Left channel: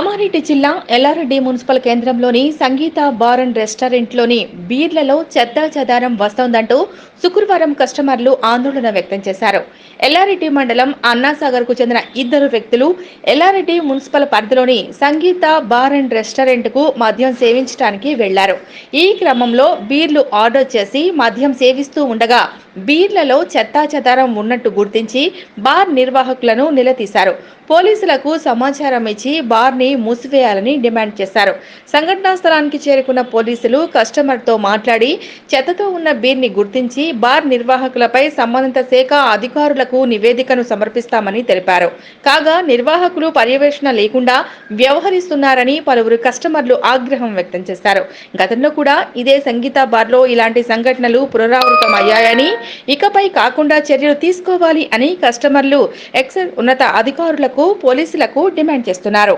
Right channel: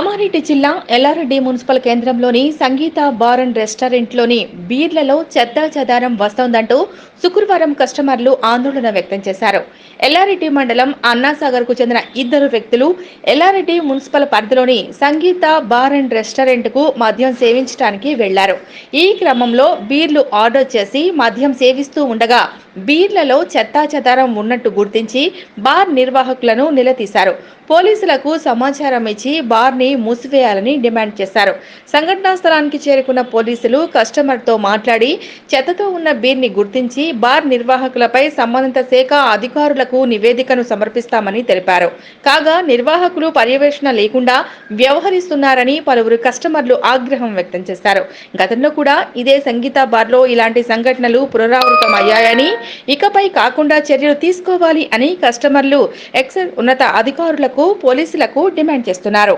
కామారెడ్డి జిల్లా ఎల్లారెడ్డి మున్సిపల్ కేంద్రంలోని సంగీత bar and రెస్టారెంట్లోని బీర్లలో చెత్త చెదారం వస్తోందంటూ శుక్రవారం కస్టమర్లు ఆందోళన వ్యక్తం చేశారు. ఎల్లారెడ్డి మండలం అన్నాసాగర్కు చెందిన ఇద్దరు వ్యక్తులు ఎల్లారెడ్డి మున్సిపల్ పరిధిలోని సంగీత బార్ అండ్ రెస్టారెంట్కు మద్యం సేవించడానికి వెళ్ళారు. ఈ క్రమంలో బీర్లు ఆర్డర్ చేసి మద్యం సేవిస్తూ ఉండగా బీర్లలో చెత్తా చెదారం ఉన్నట్టు గుర్తించి బార్ నిర్వాహకులను నిలదీశారు. పోలీసులకు సమాచారం ఇచ్చి బార్ని మూసివేయాలని డిమాండ్ చేశారు. సంఘటనా స్థలానికి చేరుకున్న పోలీసులు కస్టమర్తో మాట్లాడి చెత్తతో ఉన్న బీర్ని గుర్తించి బార్ నిర్వాహకులపై సంబంధిత శాఖ అధికారులకు నివేదికను సమర్పిస్తామని తెలిపారు. కాగా నిర్వాహకులు పర్యవేక్షణ లేకుండా వ్యవహరిస్తున్నారని పలువురు కస్టమర్లు ఆగ్రహం వ్యక్తం చేశారు. గతంలో కూడా ఇదే సంగీత బార్లో ఇలాంటి సంఘటనలు పునరావృతమయ్యాయని ఇకపై కాకుండా చర్యలు తీసుకోవాలి అని కస్టమర్లు ఎక్సైజ్ ఉన్నత అధికారులకు పోలీసులకు డిమాండ్ చేస్తున్నారు.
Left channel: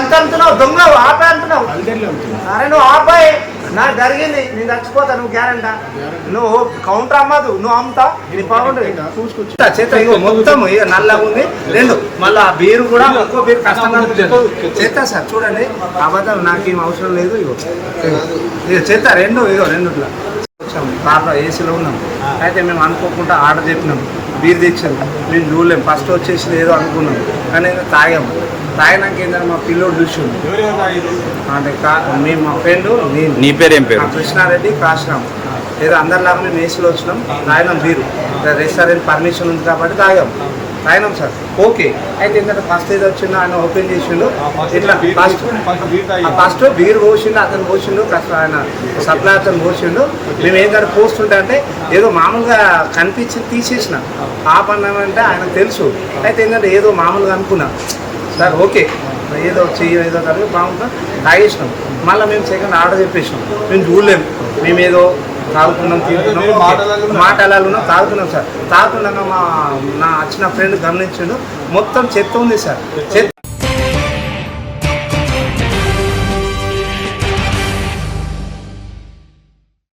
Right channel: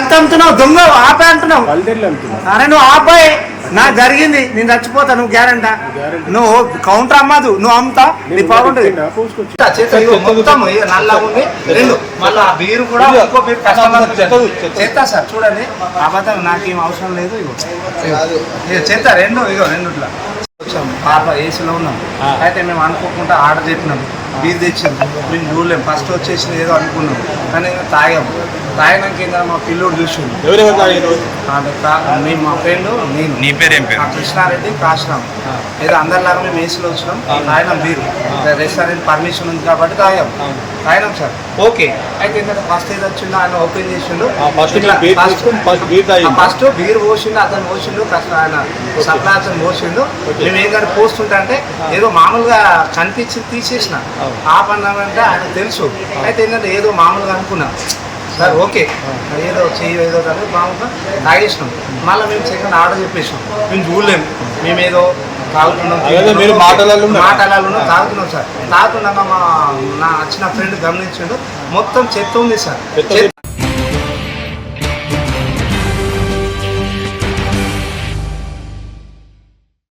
అంత అంటున్నావు దొంగ ఆపే అంటున్నావు. అరే నువ్వు ఆపాయి నాకు జరిగింది నేను చచ్చిపోతా నువ్వు గ్యారంటా? నువ్వు కౌంటర్ అమ్మదు నువ్వు అమ్ముతా నీ బాగుంటుంది చేత ఇగో మొత్తం ఇక నల్లగా ఉంది. రెండు మళ్ళీ ఆ బీరు కూడా ఇంకో బీరు కస్టమర్ చేస్తా సార్ చూడండి. అబద్ధం నాకేం అవసరం లేదు ఇగో. ఇగో. ఇగో చేస్తా రెండు ఇగో రెండుట్లా. వచ్చాం కార్లో ఏసీలో ఉన్నాం. అయితే మేము అనుకోకుండా ఆర్డర్ చెప్పినాం బీర్ తెచ్చాం మేము చూడలేం. ఫస్ట్ వచ్చేసి ఏదో అనుకున్నాం. కానీ ఇంకా తాగాం. తాగినాక ఏంటంటే మా పిల్లోడు చూసిండు. అంటే కా- మేము మా ఫ్రెండ్ నేను. నీ పేరేం పేరు? ఆ కృష్ణారెడ్డి కాశరామ్. ఏదో అందరిలాగా మేము ఏసీలో వచ్చినాం తాగినాం బీరు. రెస్టారెంట్ పర్మిషన్ ఉంది కాబట్టి తాగాం. తాగినాం సార్. ఓకే. అయితే ఏంటంటే ఫస్ట్ ఏదో వచ్చిందో ఆయన ఓపెన్ చేసిండు. ఇట్లా ఫస్ట్ ఫస్ట్ బీర్ పోసిండు అతను పోసిండు కష్ట ఆయన సప్లై అతను పోసిండు. మేము ఏం కానీ పోస్తుంటే అంటే ఏదో మామూలుగా కనిపించింది తీసేసిన. ఆపన్నానంటే ఆయన తెలుసు. అయితే ఏంటంటే ఏదో మామూలుగా అనుకున్నాం. Sir okay. ఏదో చెయ్యి ఏదో కలిపి మామూలుగా తాగేసినాం. మళ్ళీ మేము సెకండ్ ఆర్డర్ చెప్పేసినాం. మేము చూడలేము మేము ఏదో తాగుతున్నాం తింటున్నాం. మాటలలో తాగుతున్నాం సార్. తాగుతున్నాక మా నా వచ్చిన ఫ్రెండ్ గమనించిండు. మొత్తం చెత్త ఉంది సార్. చెత్త